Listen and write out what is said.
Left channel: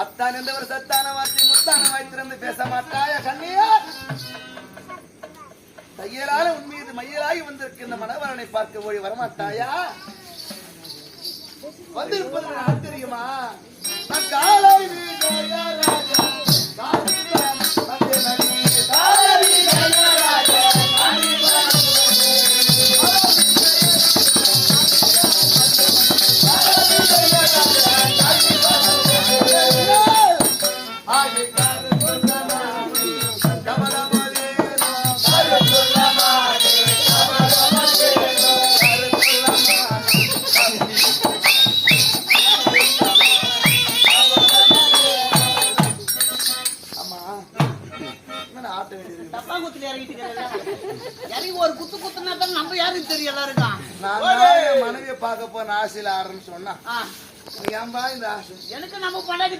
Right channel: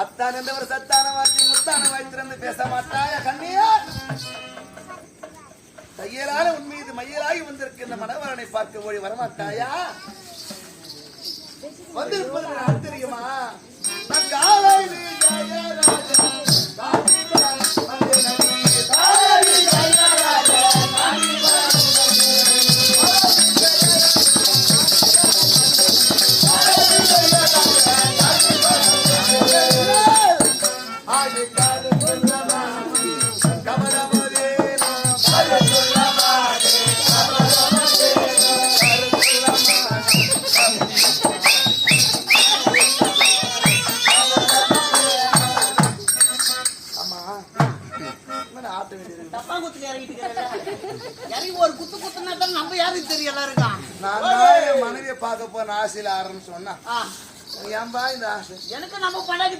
அத்தான் என்றவர் சத்தான வார்த்தை முத்தான வாய்த்திருந்து பேச மாட்டாயா கண்ணியா? தையலால உன் மீது மையலாகி வந்திருக்கின்ற மணவரனை பார்க்க ஓடி வரமாட்டாயா? வந்திருப்பது நான் தெரியுமா? காலை மனைவியை பார்க்க போன ஆசையில ஆரம்பிச்சோன்னா ஏன்பா இந்த ஆசை? எனக்கு நம்ம பண்ணாடி